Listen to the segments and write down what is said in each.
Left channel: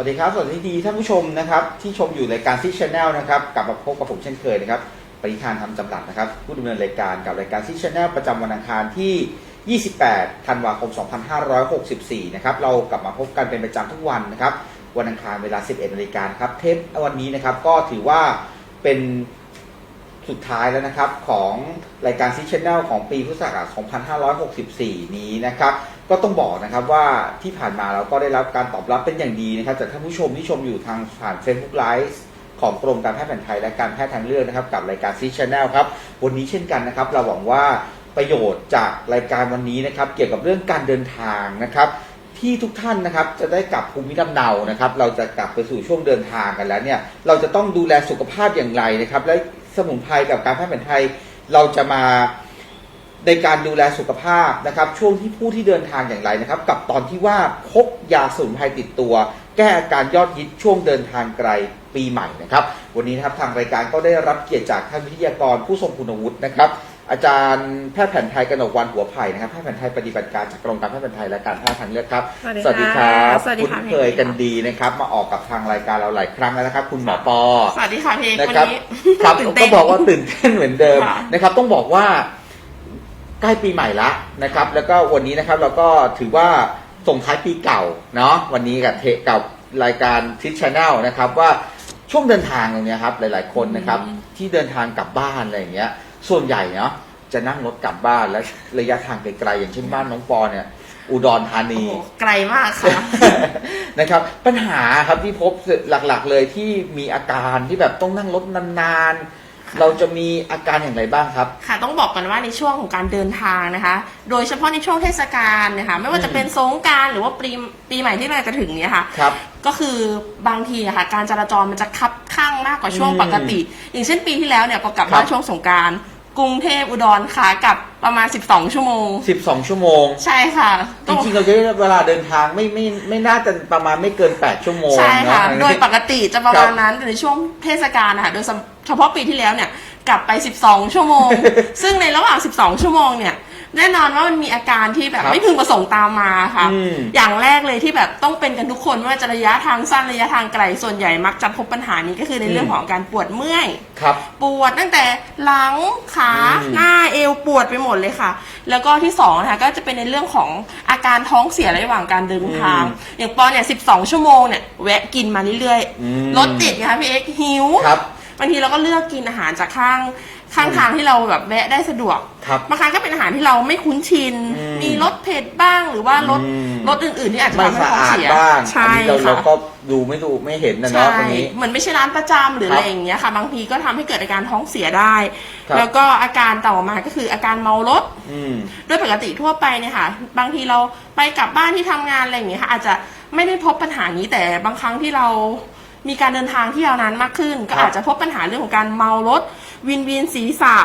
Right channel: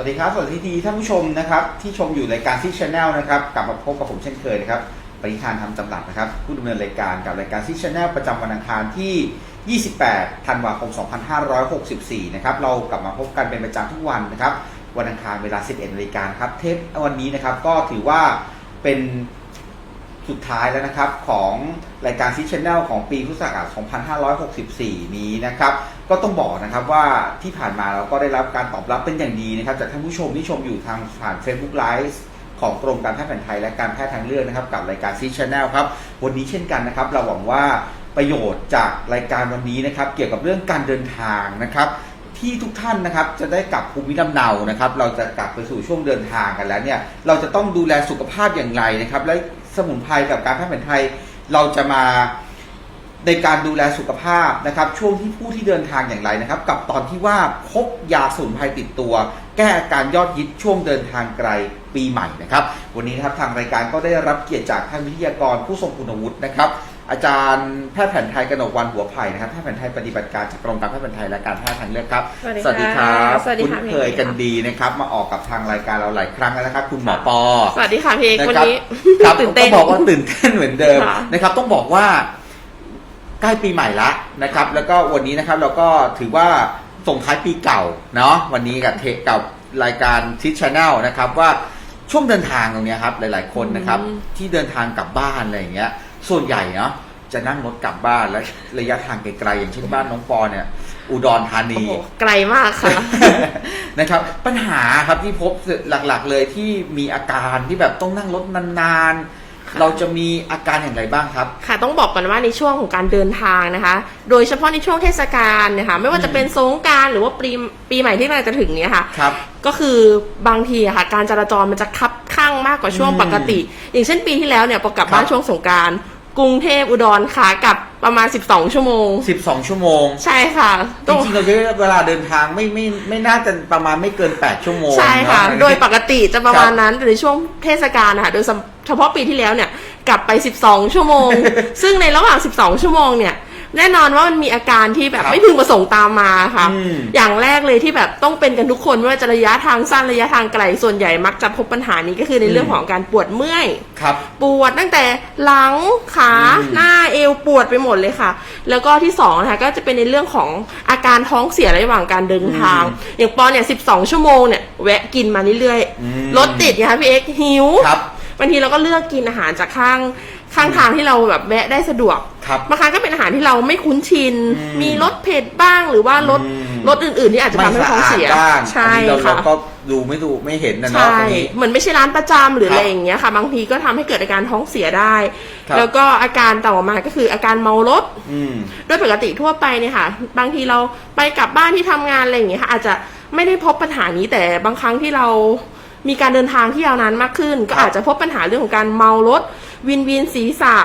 วัสดีครับสวัสดีท่านผู้ชมนะครับที่ชมอยู่รายการซีชแนลนะครับกลับมาพบกับผมเช่นเคยนะครับปริธานทำจำกัดนะครับผู้ดำเนินรายการกับรายการซีชแนลประจำวันอังคารที่ 28 ธันวาคม 2564 นะครับเรากลับมาพบกันเป็นประจำทุกวันนะครับวันอังคารเวลา 11นาฬิกาครับเทปวันนี้นะครับก็ถือว่าเป็นสุดท้ายแล้วนะครับของรายการซิชแนลของปีพุทธศักราช 2564 นี้นะครับ ก็ต้องบอกนะครับว่าที่ผ่านมาเราก็ได้รับการตอบรับเป็นอย่างดีนะครับจากท่านผู้ชมที่ชมอยู่ทางผ่าน Facebook Live ของกรมการแพทย์แผนไทยและการแพทย์ทางเลือกนะครับกับรายการซิชแนลครับวันนี้เช่นกันนะครับ เราหวังว่าประโยชน์จากรายการวันนี้นะครับ เกี่ยวกับเรื่องการเดินทางนะครับที่ทุกท่านนะครับจะได้กลับภูมิลำเนานะครับ เราจะกลับไปสู่ช่วงเดินทางกันแล้วเนี่ยเราจะต้องดูแลสุขภาพอย่างไรนะครับ และสมุนไพรกับการแพทย์แผนไทย เราจะมา ในการดูแลสุขภาพนะครับช่วงที่ผู้ที่เดินทางอย่างไรนะครับ กับตอนที่ว่าพกยาสมุนไพรติดตัว แก้อาการยอดฮิตช่วงเดินทางไกลปีใหม่นะครับ วันนี้นะครับทางรายการก็ได้รับเกียรติจากท่านวิทยากรผู้ทรงคุณวุฒินะครับอาจารย์แพทย์แผนไทยกนกวันหัวไผ่นะครับแพทย์แผนไทยปฏิบัติการจากกรมการแพทย์แผนไทยและการแพทย์ทางเลือกครับสวัสดีค่ะครับสวัสดีคุ้นค่ะเคยกันดีนะครับ มาออกกับทางรายการเราหลายครั้งแล้วนะครับ คุณหมอปอสวัสดีค่ะพี่เอกนะวันครับนี้ครับตื่นเต้นก็บอกว่าตื่นเต้นเหมือนเดิมค่ะนะครับ ต้องบอกว่า ใกล้ปีใหม่ละนะครับ แล้วก็วันนี้นะครับเราก็ถือว่าส่งท้ายปีเก่าเนาะวันนี้กับเทกับรายการทิชชแนลนะครับว่าช่วงเดินทางตรงเนี้ยครับหลาย ๆคนนะครับ ที่เดินทางกลับบ้านอะไรอย่างเงี้ย ส่วนใหญ่เนาะจะนั่งรถกลับบ้านและระยะทางไกลๆอย่างเช่นบ้านน้องปอเนี่ย อุดรธาโอ้นีโหไกลมากค่ะ นะครับปัญหาครับที่พบหลักๆเลยที่มีอาการที่แบบต้องนั่งรถนานๆ เราจะมีอาการอย่างไรบ้างครับ ค่ะต้องบอกกันว่าในช่วงของการเดินทางนะคะ โดยเฉพาะในช่วงเทศกาลนะคะไม่ว่าจะเป็นสงกรารหรือว่าปีปีใหม่ที่กำลังจะถึงเนี้ยค่ะ ครับ ก็คือบางทีอะค่ะ การจราจรมันจะคับข้างมากกว่าช่วงอืมปกติ อย่างเช่นปีที่แล้วเนี่ยพอกลับบ้านครับ ช่วงสงกรารกรุงเทพอุดรขากลับประมาณ 12 ชั่วโมง 12 ชั่วโมง ใช่ค่ะจริงๆเราคิดว่าเวลาเดินทางไม่ไม่ไม่น่าจะประมาณไม่เกิน 8 ชั่วโมงใช่ค่ะ น โดยปกติจะประมาณนั้นแต่ในช่วงเทศกาลนะคะโดย เฉพาะปีที่แล้วเนี่ยกลับไป 12 ชั่วโมง ซึ่งในระหว่าง 12 ชั่วโมงเนี่ย แน่นอนว่ามันมีอาการที่แบบครับไม่พึงประสงค์ตามมาค่ะ อืม อย่างแรกเลยที่แบบต้องเป็นกันทุกคนไม่ว่าจะระยะทางสั้นระยะทางไกลส่วนใหญ่มักจะพบปัญหานี้ก็คือในเรื่องอืมของการปวดเมื่อย ครับ ปวดตั้งแต่หลังขาอืม หน้าเอวปวดไปหมดเลยค่ะ แล้วก็ที่สองนะคะก็จะเป็นในเรื่องของอาการท้องเสียระหว่างการเดินทาง อย่างปอเนี่ย 12 ชั่วโมงเนี่ยแวะกินมาเรื่อยอืมๆรถติดไงคะพี่เอ็กซ์หิว ครับ บางทีเราก็เลือกกินอาหารจากข้างข้างทางที่เราแบบแวะได้สะดวกครับบางครั้งก็เป็นอาหารที่เราไม่คุ้นชิน อืมมีรสเผ็ดบ้างหรือว่ารสอืม รสอื่นๆที่อาจจะไม่ทำให้สะท้องอาดเสียบ้างใช่อันนี้เราค่ะ เราก็ดูไม่ดูไม่เห็นนะเนาะใช่ตรงนี้ เหมือนไม่ใช่ร้านประจำหรือครับอะไรอย่างเงี้ยค่ะ บางทีก็ทำให้เกิดอาการท้องเสียได้ ครับ แล้วก็อาการต่อมาก็คืออาการเมารถอืม โดยปกติทั่วไปเนี่ยค่ะ บางทีเราไปกลับบ้านที่ทำงานอะไรอย่างเงี้ยค่ะอาจจะไม่ได้พบปัญหานี้แต่บางครั้งที่เรา มีการเดินทางที่ยาวนานมากขึ้น ก็ครับอาจจะพบปัญหาเรื่องของการเมารถวินวินศีรษะ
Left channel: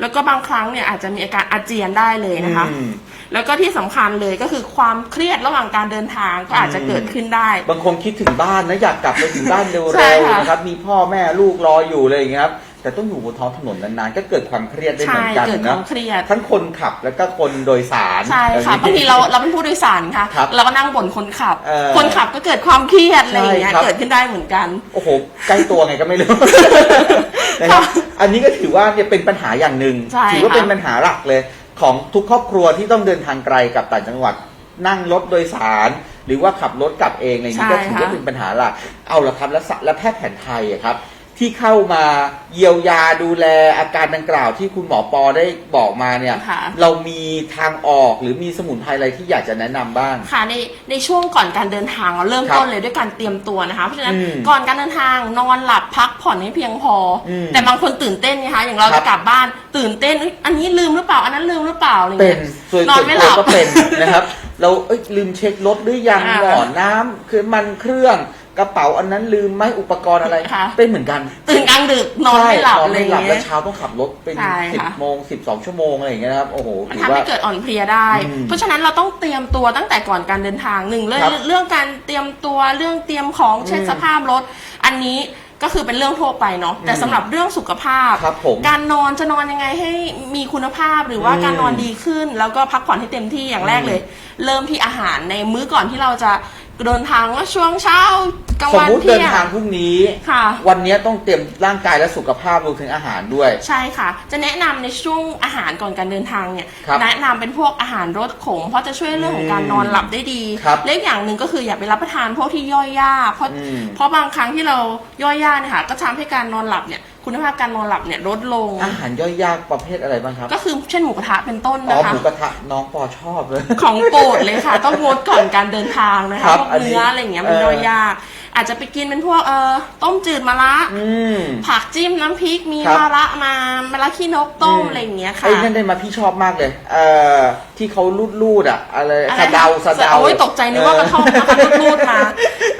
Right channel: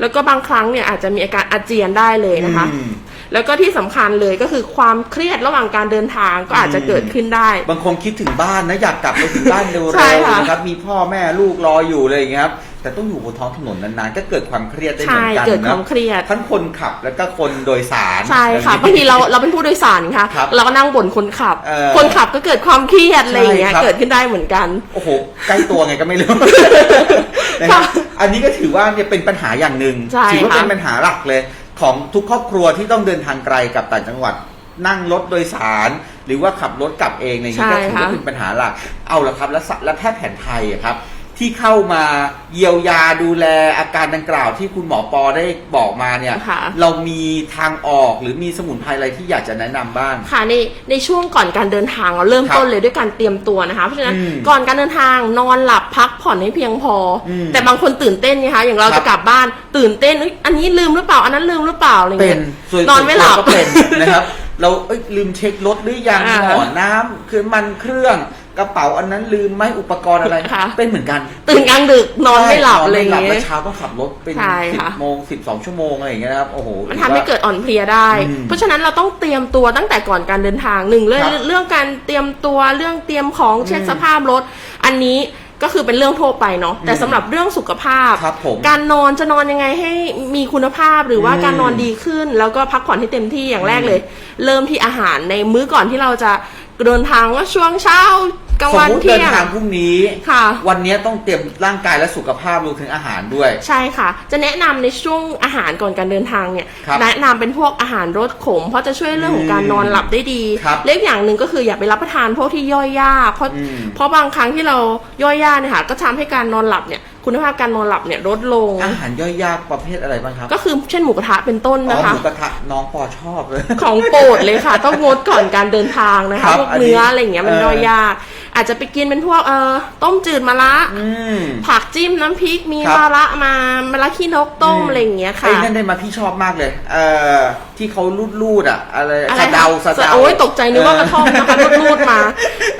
แล้วก็บางครั้งเนี่ยอาจจะมีอาการอาเจียนได้เลยนะคะ อืม แล้วก็ที่สำคัญเลยก็คือความเครียดระหว่างการเดินทางก็อาจจะเกิดขึ้นได้ บางคนคิดถึงบ้านนะอยากกลับไปถึงบ้านเร็ใช่วค่ะ ๆนะครับมีพ่อแม่ลูกรออยู่เลยอย่างเงี้ยครับ แต่ต้องอยู่บนท้องถนนนานๆก็เกิดความเครียดได้เหใช่มือนกันเกิดคนะวามเครียด ทั้งคนขับแล้วก็คนโดยสารใช่ค่ะอะไรบางทีเราเราเป็นผู้โดยสารค่ะครับเราก็นั่งบ่นคนขับเออคนขับก็เกิดความเครียดอะไรอย่างเงี้ยใช่ครับเกิดขึ้นได้เหมือนกันโอ้โหใกล้ตัวไงก็ไม่รู้นะครับอันนี้ก็ถือว่าเนี่ยเป็นปัญหาอย่างหนึ่งใช่ถืว่าค่ะเป็นปัญหาหลักเลย ของทุกครอบครัวที่ต้องเดินทางไกลกับต่างจังหวัดนั่งรถโดยสาร หรือว่าขับรถกลับเองอะไรอย่างนี้ก็ถือว่าเป็นปัญหาหลักเอาละครับแล้วสแล้วแพทย์แผนไทยอะครับ ที่เข้ามาเยียวยาดูแลอาการดังกล่าวที่คุณหมอปอได้บอกมาเนี่ย ค่ะ เรามีทางออกหรือมีสมุนไพรอะไรที่อยากจะแนะนำบ้าง ค่ะในในช่วงก่อนการเดินทางเราเริ่มครับต้นเลยด้วยการเตรียมตัวนะคะเพราะฉะนั้นอืมก่อนการเดินทางนอนหลับพักผ่อนให้เพียงพออมแต่บางคนตื่นเต้นไงคะอย่างเราครับ จะกลับบ้านตื่นเต้นเอ้ยอันนี้ลืมหรือเปล่า อันนั้นลืมหรือเปล่าอะไรเป็เงี้นยส่วนนอนไม่หลับส่วตัวก็เป็นนะครับ เราเอ้ยลืมเช็ครถหรือยังอ่าหมอน้ำคือมันเครื่อง กระเป๋าอันนั้นลืมไหมอุปกรณ์อะไร ค่ะ เป็นเหมือนกันตื่นกลางดึกนอนไม่หลับใช่อะไรนนม่หลับเงี้แล้วย เช้าต้องขับรถเป็นใช่สิบค่ะ โมงสิบสองชั่วโมงอะไรอย่างเงี้ยนะครับโอ้โหมันถืทำอให้ว่า เกิดอ่อนเพลียได้ อืมเพราะฉะนั้นเราต้องเตรียมตัวตั้งแต่ก่อนการเดินทางหนึ่งเรื่องครับเรื่องการเตรียมตัวเรื่องเตรียมของเช็คอืมสภาพรถ อันนี้ก็คือเป็นเรื่องทั่วไปเนาะแต่อืมสำหรับเรื่องสุขภาพ ครับผมการนอนจะนอนยังไงให้มีคุณภาพหรือว่าอืมการนอนดีขึ้น แล้วก็พักผ่อนให้เต็มที่อย่างแรกเลย เริ่มที่อาหารในมื้อก่อนที่เราจะ เดินทางว่าช่วงเช้ากลางสมวันมติเที่เดินยง ทางพรุ่งนี้ ค่ะ วันนี้ต้องเตรียมร่างกายและสุขภาพรวมถึงอาหารด้วย ใช่ค่ะ จะแนะนำในช่วงอาหารก่อนการเดินทางเนี่ย ครับแนะนำเป็นพวกอาหารรสขม เพราะจะช่วยเรื่องของการนอนหลับได้ดีครับเล็กอย่างหนึ่งก็คืออย่าไปรับประทานพวกที่ย่อยยากเพราะอืมเพราะบางครั้งที่เราย่อยยากเนี่ยค่ะก็ทำให้การนอนหลับเนี่ยคุณภาพการนอนหลับเนี่ยลดลง อาหารย่อยยากประเภทอะไรบ้างครับก็คือเช่นหมูกระทะเป็นต้นอ๋อนะคะหมูกระทะน้องปอชอบเลย ของโปรดเลยค่ะ ต้องงดก่อนการเดินทางนะครัคะบพวกอันนี้เนื้ออะไรอย่างเงี้ยมันเออย่อยยาก อาจจะไปกินเป็นพวกเอ่อต้มจืดมะระอืม ผักจิ้มน้ำพริกมีครับ มะระมามะระขี้นกต้มอะไรอย่างเงี้ยค่ะ ไอ้นั่นได้มาพี่ชอบมากเลย เอ่อที่เขาลูดลูดๆอะ อะไรอะไรสะเดาสะเดาโอ้ยตกใจนึกว่ากระท่อมนะคะรูดๆมา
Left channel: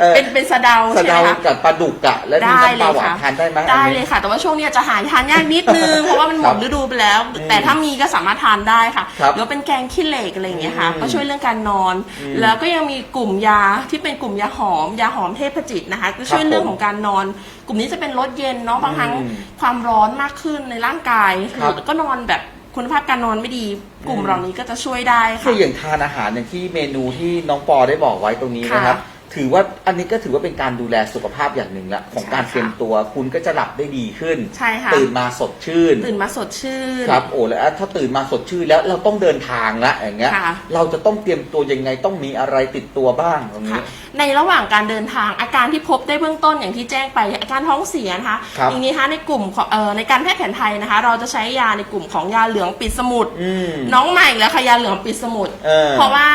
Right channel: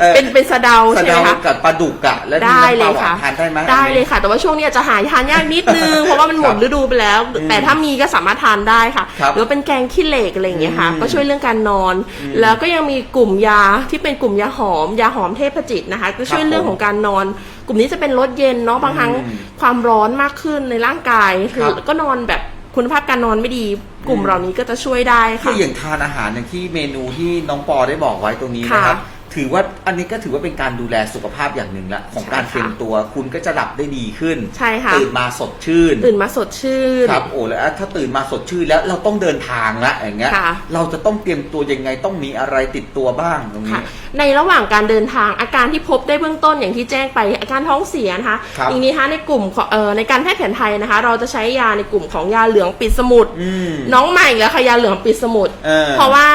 เออเป็นเป็นสะเดาสะใช่ไหมเดาคะ กับปลาดุกอะ แล้วมีได้น้ำปเลลายหวานค่ะทานได้ไหมได้เลยค่ะ แต่ว่าช่วงเนี้ยจะหาทานยากนิดนึง เพราะว่ามันหมดครับฤดูไปแล้ว อืมแต่ถ้ามีก็สามารถทานได้ค่ะครับหรือว่าเป็นแกงขี้เหล็กอะไรอย่างเงี้ยค่ะ อืมก็ช่วยเรื่องการนอน แล้วก็ยังมีกลุ่มยาที่เป็นกลุ่มยาหอม ยาหอมเทพจิตนะคะ ก็ช่วยเรื่องของการนอน กลุ่มนี้จะเป็นลดเย็นเนาะบางครั้งความร้อนมากขึ้นในร่างกายคือก็นอนแบบคุณภาพการนอนไม่ดีกลุ่มเหล่านี้ก็จะช่วยได้คืค่ะออย่างทานอาหารอย่างที่เมนูที่น้องปอได้บอกไว้ตรงนี้นะครับ ถือว่าอันนี้ก็ถือว่าเป็นการดูแลสุขภาพอย่างหนึ่งละของการใช่ค่ะเตรียมตัวคุณก็จะหลับได้ดีขึ้นใช่ค่ะตื่นมาสดชื่น ตื่นมาสดชื่นครับโอ้แล้วถ้าตื่นมาสดชื่นแล้วเราต้องเดินทางละอย่างเงี้ยค่ะเราจะต้องเตรียมตัวยังไงต้องมีอะไรติดตัวบ้างตรงนี้ค่ะในระหว่างการเดินทางอาการที่พบได้เบื้องต้นอย่างที่แจ้งไปอาการท้องเสียนะคะครับอีกนี้นะคะในกลุ่มของเอ่อในการแพทย์แผนไทยนะคะ เราจะใช้ยาในกลุ่มของยาเหลืองปิดสมุทรอืมน้องใหม่อีกแล้วค่ะยาเหลืองปิดสมุทรเออเพราะว่า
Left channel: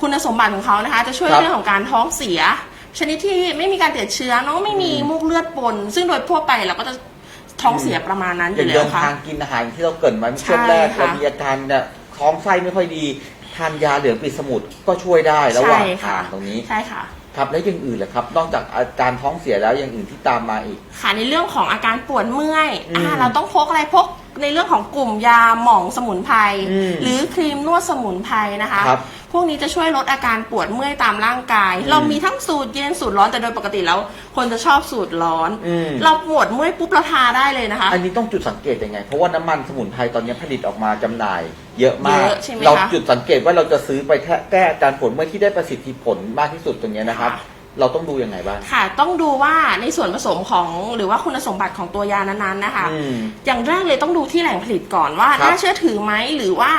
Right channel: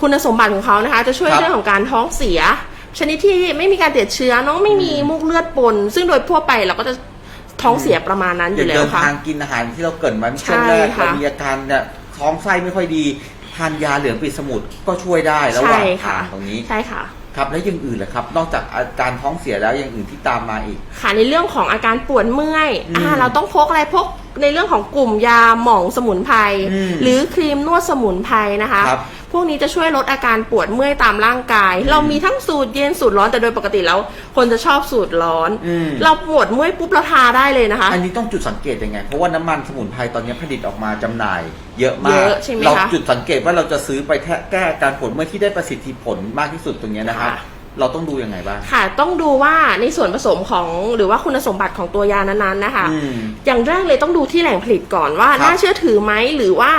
คุณสมบัติของเขานะคะ จะช่วยครับเรื่องของการท้องเสียชนิดที่ไม่มีการติดเชื้อน้องไม่มีมูกเลือดปน ซึ่งโดยทั่วไปเราก็จะท้องเสียประมาณนั้นออย่ายู่งแล้เดิวนค่ะทางกินอาหารที่เราเกรินไว้ช่วงใช่แรกค่ะเรามีอาการเนี่ยท้องไส้ไม่ค่อยดีทานยาเหลืองปิดสมุดก็ช่วยได้ระหว่างใช่ค่ะทางตรงนี้ใช่ค่ะครับแล้วอย่างอื่นล่ะครับ นอกจากอาการท้องเสียแล้วอย่างอื่นที่ตามมาอีก ค่ะในเรื่องของอาการปวดเมื่อยอืมอ่าเราต้องพกอะไรพก ในเรื่องของกลุ่มยาหม่องสมุนไพรอืมหรือครีมนวดสมุนไพรนะคะ ครับพวกนี้จะช่วยลดอาการปวดเมื่อยตามร่างกาย เรามีทั้งสูตรเย็นสูตรร้อนแต่โดยปกติแล้ว คนจะชอบสูตรร้อน อืม เราปวดเมื่อยปุ๊บเราทาได้เลยนะคะ อันนี้ต้องจุดสังเกตยังไง เพราะว่าน้ำมันสมุนไพรตอนนี้ผลิตออกมาจำหน่าย เยอะมากเยอะใช่ไหมคะเราจุดสังเกตว่าเราจะซื้อไปแค่แก้อาการปวดเมื่อยที่ได้ประสิทธิผลมากที่สุดตรงนี้นะครับ ค่ะ เราต้องดูยังไงบ้าง ค่ะ ต้องดูว่าในส่วนผสมของหรือว่าคุณสมบัติของตัวยานั้นๆนะคะ อืม อย่างแรกเลยต้องดูที่แหล่งผลิตก่อนว่าครับน่าเชื่อถือไหมหรือว่า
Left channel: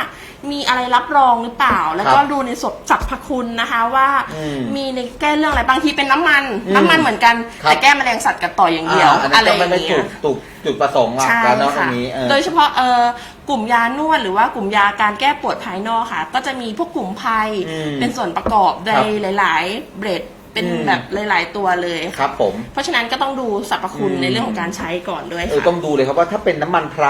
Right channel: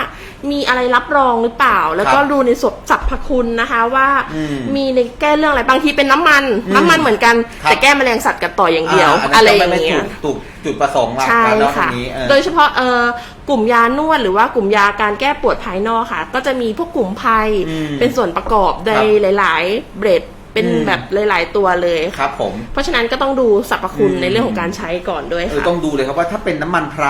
มีอะไรรับรองหรือเปล่า แล้วก็ครับดูในสสรรพคุณนะคะว่าอืมมีในแก้เรื่องอะไรบางทีเป็นน้ำมัน อืมน้ำมันเหมือนกันครับ แต่แก้แมลงสัตว์กัดต่ออย่างเดียว อ่าอันนั้อะไรนอก็ย่างไม่เงี้ถูย กถูกจุดประสงค์หลักใช่แล้วเนาะตรค่ะงนี้เออ โดยเฉพาะเอ่อกลุ่มยานวดหรือว่ากลุ่มยาการแก้ปวดภายนอกค่ะ ก็จะมีพวกกลุ่มไพรอืมเป็นส่วนประกอบในครับหลาย ๆ เบรด เป็นอืมแบบหลายๆตัวเลย ครับผมเพราะฉะนั้นก็ต้องดูสรรพคุณอืมในเรื่องของการใช้ก่อนด้วยเออค่ะ ต้องดูเลยครับว่าถ้าเป็นน้ำมันไพร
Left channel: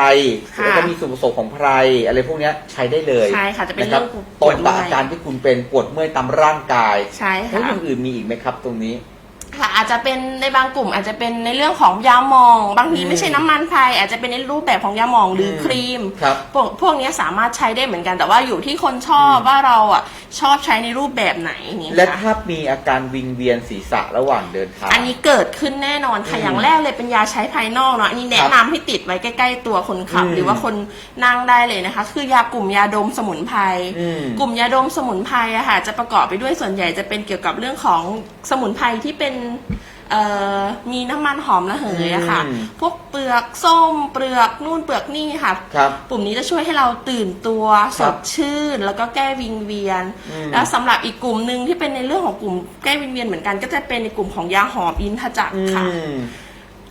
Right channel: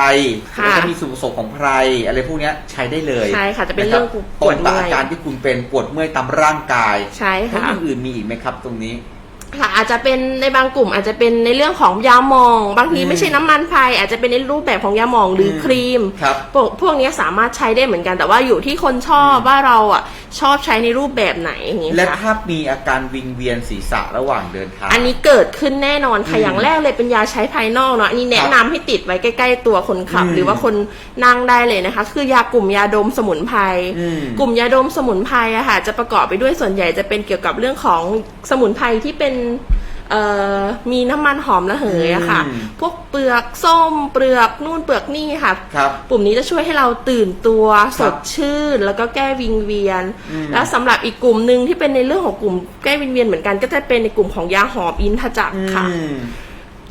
ค่ะแล้วก็มีส่วนผสมของไพรอะไรพวกเนี้ยใช้ได้เลยใช่ค่ะจะเป็นเรื่องคบปตรวดงเมื่ต่ออย อาการที่คุณเป็นปวดเมื่อยตามร่างกายใช่แล้วค่ะ อย่างอื่นมีอีกไหมครับตรงนี้ ค่ะอาจจะเป็นในบางกลุ่มอาจจะเป็นในเรื่องของยาหมอง บางทีอืมไม่ใช่น้ำมันไพรอาจจะเป็นในรูปแบบของยาหมองหรืออมครีมครับพวกพวกนี้สามารถใช้ได้เหมือนกันแต่ว่าอยู่ที่คนชอบว่าเราอะ ชอบใช้ในรูปแบบไหนอย่างนี้และค่ะ ถ้ามีอาการวิงเวียนศีรษะระหว่างเดินทาง อันนี้เกิดขึ้นแน่นอนค่ะอืมอย่างแรกเลยเป็นยาใช้ภายนอกเนาะอันนี้แนะนำให้ติดไว้ใกล้ ๆ ตัวคนขับ อืมหรือว่าคนนั่งได้เลยนะคะ คือยากลุ่มยาดมสมุนไพรอืมกลุ่มยาดมสมุนไพรอะค่ะจะประกอบไปด้วยส่วนใหญ่จะเป็นเกี่ยวกับเรื่องของสมุนไพรที่เป็น เอ่อมีน้ำมันหอมระเหยอะค่ะ อืม พวกเปลือกส้มเปลือกนู่นเปลือกนี่ค่ะ ครับ ปุ่มนี้จะช่วยให้เราตื่นตัวคสรับดชื่น แล้วก็แก้วิงเวียน อืมและสำหรับอีกกลุ่มหนึ่งที่เป็นในเรื่องของกลุ่มแก้วิงเวียนเหมือนกันก็จะเป็นในกลุ่มของยาหอมอินทจักรอืค่ะม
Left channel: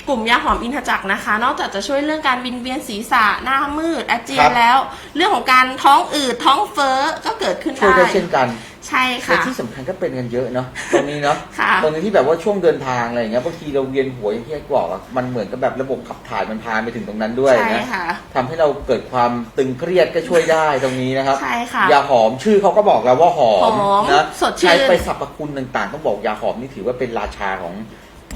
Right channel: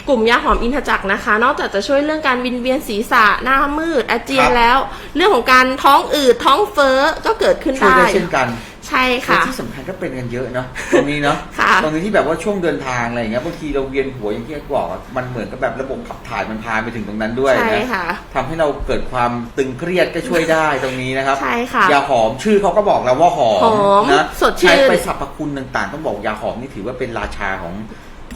กลุ่มยาหอมอินทจักรนะคะ นอกจากจะช่วยเรื่องการวิงเวียนศีรษะหน้ามืดอาเจียครันบแล้ว เรื่องของการท้องอืดท้องเฟ้อก็เกิดขึ้นช่วยได้ได้เช่นกันใช่และค่ะ ที่สำคัญก็เป็นกันเยอะเนาะตรงนี้เนาะค่ะตรงนี้ที่แบบว่าช่วงเดินทางอะไรอย่างเงี้ยบางทีเราเวียนหัวอย่างที่ไอ้บอกอะมันเหมือนกับแบบระบบขับถ่ายมันพาไปถึงตรงนั้นด้วยใช่นะค่ะทำให้เราเกิดความตึงเครียดก็ช่วยได้ตรงนี้นะครับใช่ค่ะยาหอมชื่อเขาก็บอกแล้วว่าหอหมอมนะสดชื่น ใช้ไปสรรพคุณต่างๆต้องบอกยาหอมนี่ถือว่าเป็นราชาของ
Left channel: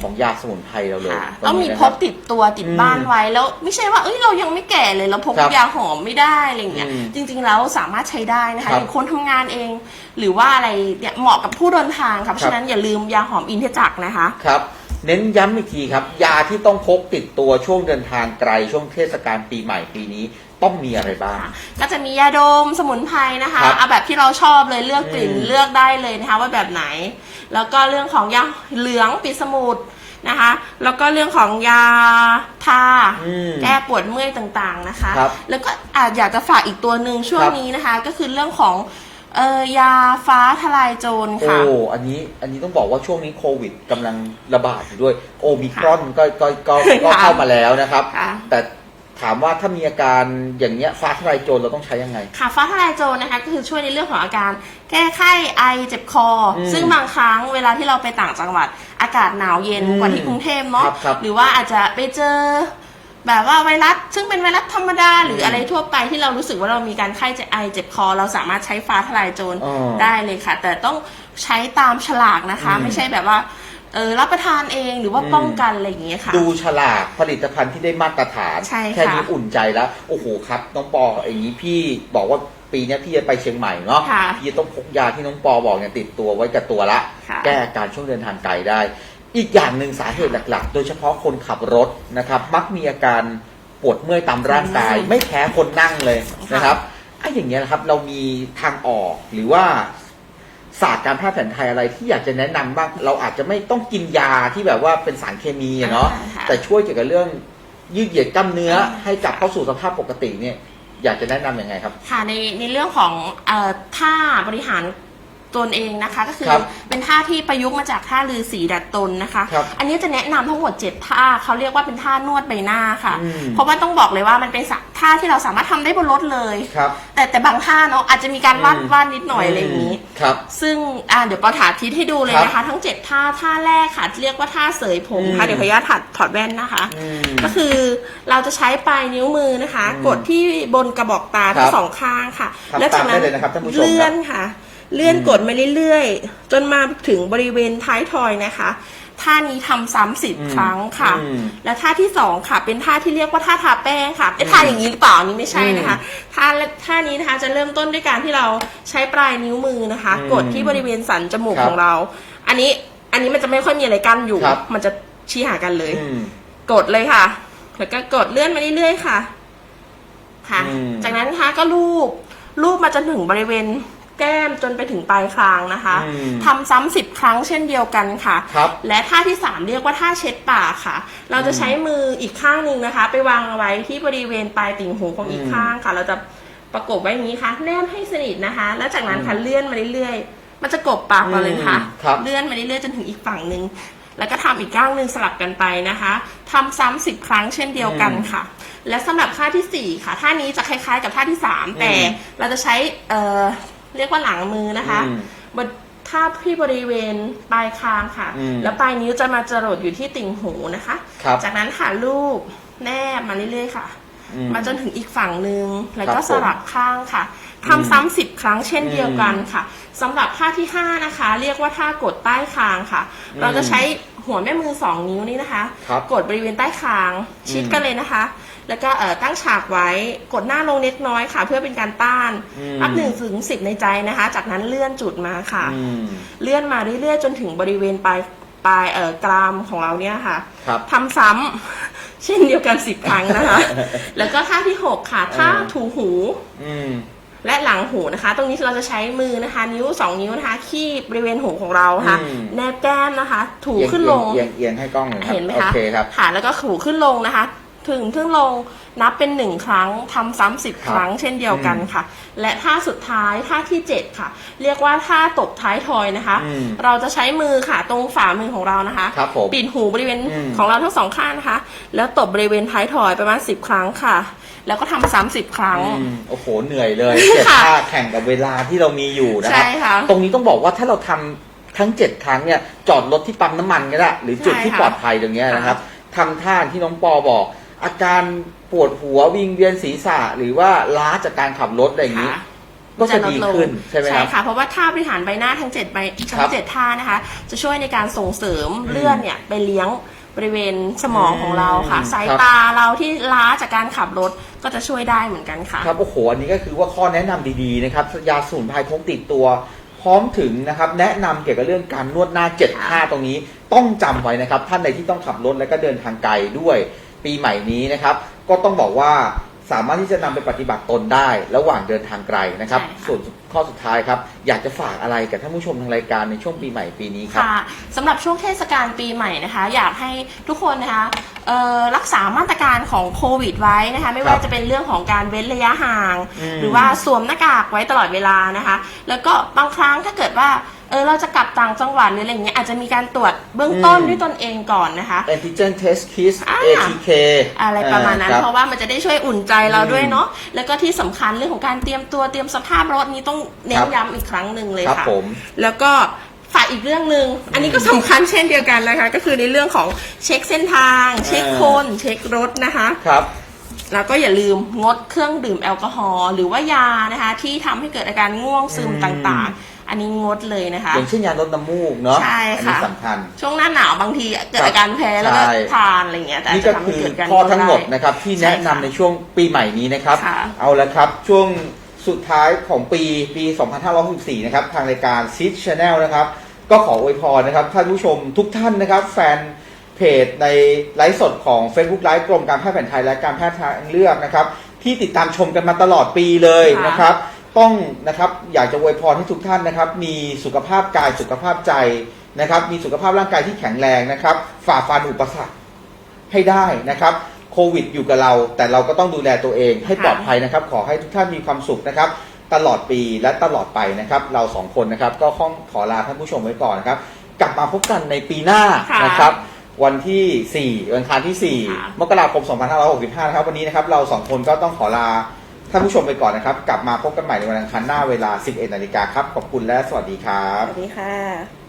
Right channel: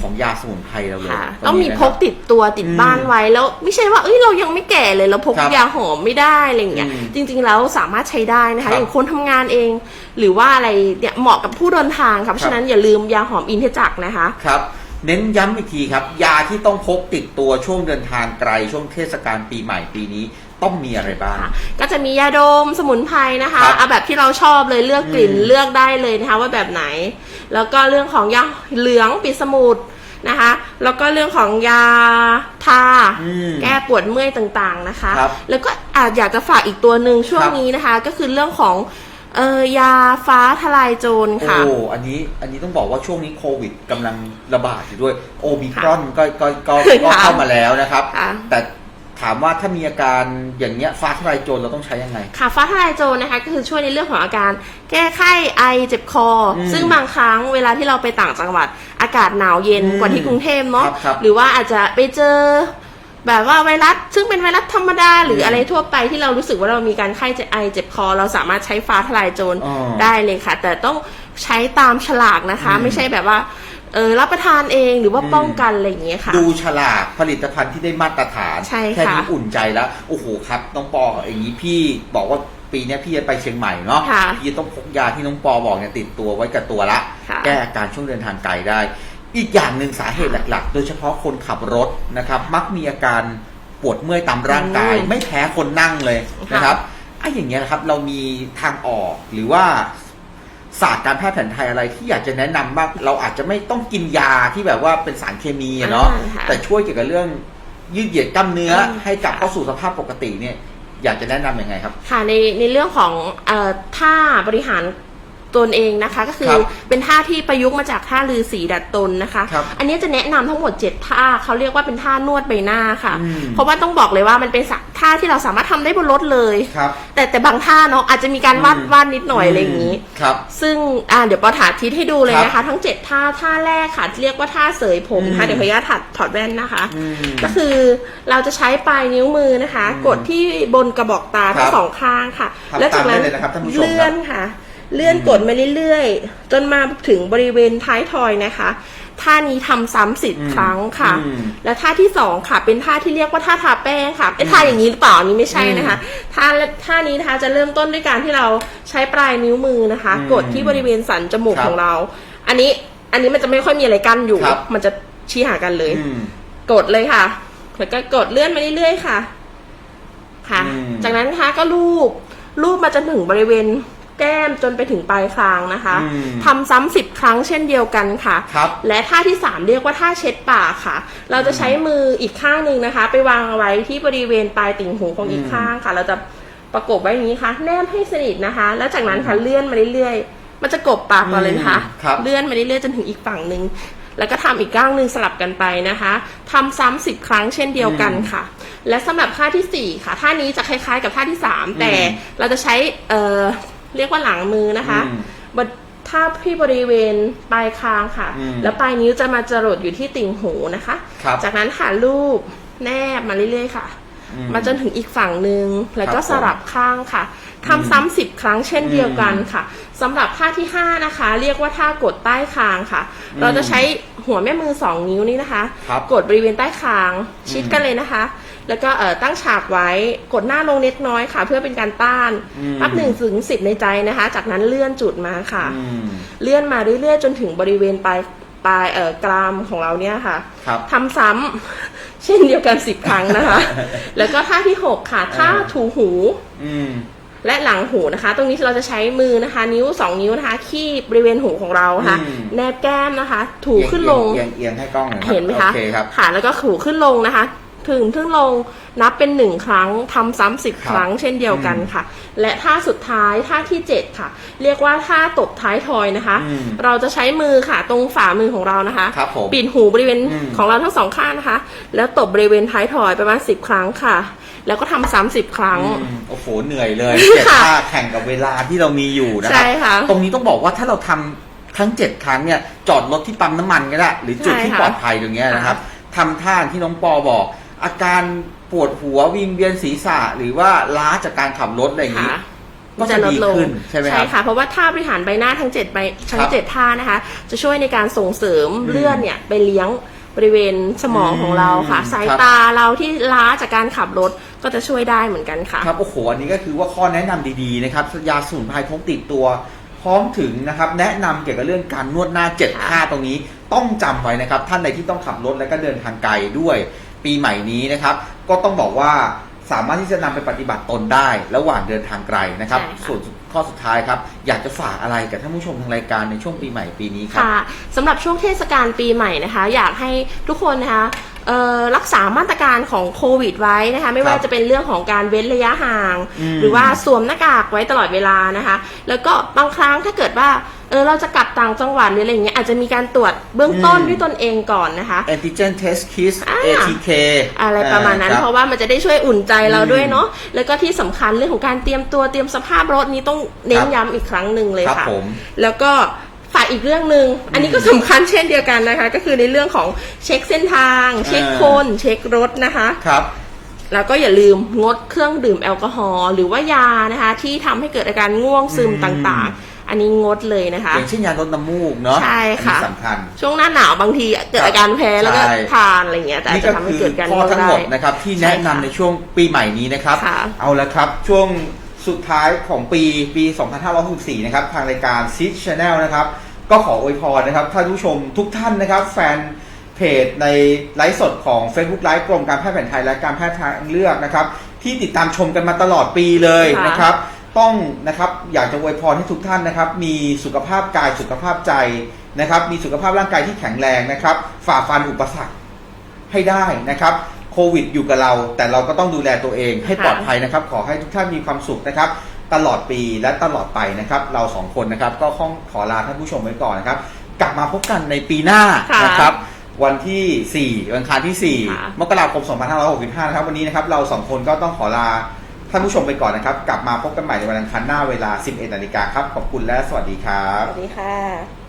ของยาสมุนไพรเราเลยค่ะตรต้องนี้มีนะพครักบ ติดตัวติดอืมบ้านไว้แล้ว ไม่ใช่ว่าเอ้ยเรายังไม่แก่เลยเราพกครับยาหอมไม่ได้อะไรอย่างเงี้ยอืมจริง ๆ แล้วสามารถใช้ได้นะครัคะบอย่างคนทำงานเอง หรือว่าอะไรเนี่ยเหมาะกับผู้เดินทางค่ะเพราะฉะนั้นอย่าลืมยาหอมอินทจักรนะคะ ครับ เน้นย้ำอีกทีครับ ยาที่ต้องพกติดตัวช่วงเดินทางไกลช่วงเทศกาลปีใหม่ปีนี้ ต้องมีอะไรบ้างค่ะก็จะมียาดมสมุนไพรนะคะครับเอาแบบที่เราชอบเลยเลือกกลิ่นอืมเลือกได้เลยนะคะว่าแบบไหน แล้วก็เรื่องของยาเหลืองปิดสมุดนะคะ แล้วก็เรื่องของยาทาอืมแก้ปวดเมื่อยต่างๆนะคะ ครับแล้วก็อาจอยากจะฝากอีกตัวหนึ่งช่วงครับ นี้นะคะ ก็คือเรื่องของเอ่อยาฟ้าทลายโจรค่ะ โอ้ อันนี้ อันนี้ต้องบอกว่าช่วงนี้โควิดกำลังระบาดอยู่ด้วย โอมิครอนก็ก็ก็ก็ค่ะเข้ามาแล้วนะครับ ค่ะแต่ ถามว่าถ้ามีอาการอย่างเงี้ยฟ้าทลายโจรเราต้องใช้ยังไง ค่ะฟ้าทลายโจรนะคะก็คือช่วยในเรื่องของอาการ แก้ไข้ไอเจ็บคออมซึ่งบางครั้งเวลาที่เราไปต่างจังหวัด อากาศหนาวเย็นอืมกว่าที่กรุงเทพเนาะครับครับหรือว่าอาจจะไปเจอ แบบว่าไวรัสซึ่งเป็นไวรัสธรรมดา หรืออะไรทั่วไปที่เรารู้สึกว่าเรามีการไข้เจ็บไอเจ็บคอ เราสามารถใช้ฟ้าทลายโจรอ๋อได้เลยค่ะ แต่ต้องใช้ตามฉลากนะคะ อืม ไม่ใช่แบบว่า เออรับประทานเองหรือว่าอืมป้องกันอะไรอย่างเงี้ยค่ะ ดูฉลากผลิตภัณฑ์ที่ได้มาตรฐานใช่ค่ะ แค่นี้อุ่นใจแล้วโอ้โหครับน้องปออย่างนี้พี่บอกว่าปีเนี้ยพี่จะไปเชียงใหม่เนาะค่ะพี่จะต้องพกยาที่น้องปอบอกเนี่ยติดตัวไว้กับตัวละ ค่ะ แก้อาการช่วงเดินทางไกลได้ อีกอย่างหนึ่งสาเหตุหลัก ๆ โดยเฉพาะคนขับรถนะครับ มักมีอาการปวดเมื่อยตามร่างกายไม่แพ้คนนั่งเลยนะครับไอ้อย่างเงี้ยนะครับเรามีทางออกหรือว่า ศาสตร์การแพทย์แผนไทยอะไรที่อยากจะแนะนำบ้างเราอาจจะไม่ต้องกินยาที่แบบว่าเป็นสารเคมีอะเนาะอ่าค่ะ แต่ช่วยเกี่ยวกับเรื่องยืดเหยียดกล้ามเนื้ออืมให้กลับเข้าสู่สภาพปกติเนี่ย อยากจะแนะนำยังไงครับ ค่ะในในเรื่องของเอ่อท่าบริหาร ตนเองนะคะ ก็คือครับเป็นท่าที่ประยุกต์มาจากท่าลือสีดัดตนนะคะครับอันนี้จะแนะนำทั้งหมด 7 ท่าเขาเรียกว่าเป็นท่านวดใบหน้าค่ะอืมเพราะว่าต้องบอกเลยว่ามันเป็นท่าที่เราสามารถทำได้บนรถเลยครับแต่แต่บางท่าเนาะอาจจะมีการวาดอืมวาดนิดหน่อยอะไรอย่างนี้ครับซึ่งอ่าเดี๋ยวปอถาทิศให้ดูเลยครับนะคะ ทั้ง 7 ท่าท่าแรกค่ะ เรียกว่าท่าเสยผมอืค่ะมเดี๋ยวขออนุญาตถอดถอดแว่นนะคะอืมก็คือเราจะใช้ปลายนิ้วมือนะคะอืมกดที่บนกระบอกตาครัทั้งบสองข้างค่ะทำแล้วจากนั้นตามได้เลยนะครับท่านผู้ชมครับเลื่อนค่ะ เลื่อนอืมกดมาเรื่อยๆ จนมาถึงบริเวณท้ายทอยนะคะ ท่านี้ทำซ้ำสิบอืมครั้งค่ะอืมและท่าที่สองค่ะ เป็นท่าที่เรียกว่าท่าทาแป้งค่ะไอ้ท่าอย่างนี้หรือเปล่าอันนี้ไม่ใช่นะคะท่าท่านี้นะคะจะเริ่มต้นด้วยการที่เราใช้ปลายนิ้วมือนะคะอืมกดที่บริเวณสันจมูกครับของเรา อันนี้อันนี้มันจะไม่ค่อยมีอะไรกั้นอยู่ครับมันจะชี้หากันเลยอืมกดเลยค่ะ แล้วก็กดเลื่อนไปเรื่อยๆค่ะ ค่ะอืมจากนั้นนะคะก็รูปรูปมาจนถึงบริเวณ แก้มจนไปถึงปลายคางนะคะอืมทำซ้ำสิบครั้งเช่นเดียวกันค่ะ ครับและท่าที่สามเรียกว่าท่าเช็ดปากค่ะ เราจะใช้มืออีกข้างหนึ่งนะคะ ไปวางไว้ที่บริเวณปลายติ่งหูของอีกอืมข้างค่ะ เราจะประกบไว้อย่างนี้ค่ะ แนบให้สนิทนะคะ แล้วจากนั้นค่ะเลื่อนมาเรื่อยๆ มันจะกบปากก่อนเลยนะคะอืมครับ เลื่อนมาเรื่อยๆจนถึงอีกฝั่งหนึ่งแล้วก็ทำอีกข้างหนึ่งสลับกันไปนะคะทำซ้ำสิบครั้งเช่นเดียวกันค่ะ และสำหรับท่าที่สี่ค่ะท่านี้จะคล้ายๆ กับท่าที่สามแต่เราจะใช้เอ่อ เรียกว่าหลังมือนะคะอืมบนท่าที่บริเวณปลายคางค่ะอืมแล้วปลายนิ้วจะมาจรดอยู่ที่ติ่งหูนะคะครับจากนั้นค่ะลูบแนบมาเรื่อยๆค่ะอื มาจนถึงอีกฝั่งหนึ่งแล้วก็ครับผมสลับข้างค่ะทำซ้ำสิบครั้งเช่นเดียวกันค่ะสำหรับท่าที่ห้านะคะ เรียกว่าท่ากดใต้คางค่ะอืมเราจะใช้หัวแม่มือสองนิ้วนี่นะคะครับกดบริเวณใต้คาง ชิดกันเลยนะคะ แล้วก็เอ่อตั้งฉากไว้กดหน้าลงเล็กน้อยค่ะ เพื่อเป็นการต้านอืมนับหนึ่งถึงสิบในใจนะคะ จากนั้นเลื่อนจุดมาค่ะอืมเลื่อนมาเรื่อยๆจนถึงบริเวณปลาย ปลายเอ่อกรามของเราเนี่ยค่ะครับ ทำซ้ำ เช่นเดียวกันสิบครั้งนะคะ แล้วก็ท่าที่หกค่ะท่าถูหูอืม และหลังหูนะคะ ตรงนี้เราจะใช้มือนะคะ นิ้วสองนิ้วนะคะขี้บริเวณหูของเราค่ะ อืม แนบแก้มนะคะ ถูขึ้นลง เอียงเอียงให้กล้องหน่อยครับเห็นไหมคะโอเคครับ ค่ะแล้วก็ถูขึ้นลงนะคะ ถึงขึ้นลงนับเป็นหนึ่งครั้งทำซ้ำสิบครับครั้งเช่นเดียวกันค่ะ และท่าสุดท้ายท่าที่เจ็ดค่ะ เรียกว่าท่าตบท้ายทอยนะคะ อืมเราจะใช้มือค่ะตรงฝ่ามือของเรานะคะครับผมปิดหูบริเวณอืม ของเราทั้งสองข้างนะคะ แล้วตบบริเวณท้ายทอยประมาณสิบครั้งค่ะ แล้วก็ทำซ้ำสิบครั้ง อืมโอ้โหเหนื่อยเลยเจ็ดค่ะท่าแข่งกับเวลาที่เรามีอยู่นะครัใช่ค่ะตรงนี้ต้องบอกว่าถ้าเราทำทั้งเจ็ดครั้งเนี่ยจอดรถที่ปั๊มน้ำมันก็ได้หรือจุดที่ใช่ค่ะปลอดภัยตรงเนี้ยนะครับทำท่าที่น้องปอบอก อาการปวดหัววิงเวียนศีรษะหรือว่าล้าจากการขับรถอะไรอย่างนี้ค่ะก็จะดีขึ้นใช่ไหมครับค่ะ เพราะว่าท่าบริหารใบหน้าทั้งเจ็ดใบทั้ครังบเจ็ดท่านะคะ จะช่วยในการส่งเสริมเลือดเนี่ยไปเลี้ยงบริเวณสมองของเราค่ะอืมสายครับตาเราที่ล้าจากการขับรถก็จะช่วยได้เหมือนกันค่ะ ครับโอ้โหอันนี้ก็คือว่าข้อแนะนำดีๆนะครับยาสมุนไพรพกติดตัว พร้อมถึงนะครับ แนะนำเกี่ยวกับเรื่องการนวดหน้าเจ็ดค่ะท่าตรงนี้ ต้องจำไว้นะครับ ท่านใดที่ต้องขับรถและก็เดินทางไกลด้วย ปีใหม่นี้นะครับ ก็ต้องบอกว่าสามารถที่จะนำไปปฏิบัติตนได้ ระหว่างเดินทางไกลนะครับใช่ค่ะส่วนข้อสุดท้ายครับ อยากจะฝากอะไรกับท่านผู้ชมทางรายการในช่วงปีใหม่ปีนี้ครับค่ะสำหรับช่วงเทศกาลปีใหม่นะคะ อยากให้ทุกคนนะคะเอ่อรักษามาตรการของโควิดไว้นะคะ ไม่ว่าครับจะเป็นเรื่องของการเว้นระยะห่างอืมหรือว่าสวมหน้ากากไว้ตลอดเวลานะคะ แล้วก็บางครั้งถ้าเกิดว่า เออเราจะกลับต่างจังหวัดหรืออะไรอย่างเงี้ยอาจจะมีการตรวจเบื้องต้นอืม ด้วยตนเองก่อนนะคะ antigen test kit อ่า ATK อะไรประมาณนั้น อ่เพราะว่ามันจะได้ช่วยอุ่นใจเราด้วยอืมเนาะแล้วก็ที่สำคัญเรื่องของการเตรียมตัวเตรียมสภาพรถนี้ต้องเน้ครันบย้ำอีกครั้งหนึ่งเลยครับค่ะ ผม แล้วก็ฝากอีกเรื่องหนึ่งอันนี้ก็สำคัญเช่นเดียวกันนะคะ ก็คือในเรื่องของเช็คเส้นทาง เช็คคน เช็ครถนะคะ ครับ แล้วก็อย่าลืมงดเครื่องดื่มแอลกอฮอล์หรือว่ายานะคะ ที่ทำให้เกิดอาการง่วงซึมอืมต่างๆ อันนี้งดเลยนะคะ อย่างเช่นยาลดน้ำมูกเนาะใช่ค่ะ อันนี้สำคัญ ช่วงหน้าหนาวบางทีเกิดอาการแพ้แล้วก็ใช่ ทานอะไรอย่างเงี้ยแต่อาจนี่จะก็ทำให้คือเกิดการข้อง่วงทั้งหมดได้ นะครับที่ใช่แนะนำค่ะในช่วงปีใหม่นี้นะครับ ค่ะเอาละครับช่วงสุดท้ายของปีปี 2564 นะครับ ทางรายการซีดช n แนลนะครับ ก็ขออวยพรนะครับท่านผู้ชมทุกท่านนะครับ แฟนเพจในไลฟ์สดของ Facebook ไลฟ์กรมการแพทย์แผนไทยและการแพทย์ทางเลือกนะครับ ที่ติดตามชมกันมาตลอดปีเลยค่ะ นะครับ ต้องนะครับ อยากจะอวยพรให้ทุกท่านนะครับ มีสุขภาพกายสุขภาพใจนะครับ มีสุขภาพร่างกายที่แข็งแรงนะครับ ฝ่าฟันอุปสรรคให้ได้นะครับโควิดอยู่กับเรา แต่เราก็ต้องดูแลตัวเองให้ค่ะปลอดภัยนะครับ ขอให้ทุกท่านมีความสุขนะครับ ตลอดปีและตลอดไปนะครับ เราสองคนนะครับ ก็ข้องขอลาท่านผู้ชมไว้ก่อนนะครับ กลับมาพบกันในปีหน้าค่ะนะครับ วันที่ 4 วันอังคารที่ค่ะ4มกราคม 2565 นะครับ วันนี้นะครับ เราสองคนก็ต้องขอลา ท่านผู้ชมไปก่อนนะครับ กลับมาพบกันใหม่ในวันอังคารหน้าเวลา 11นาฬิกาครับ ขอบคุณและสวัสดีครับ สวัสดีค่ะ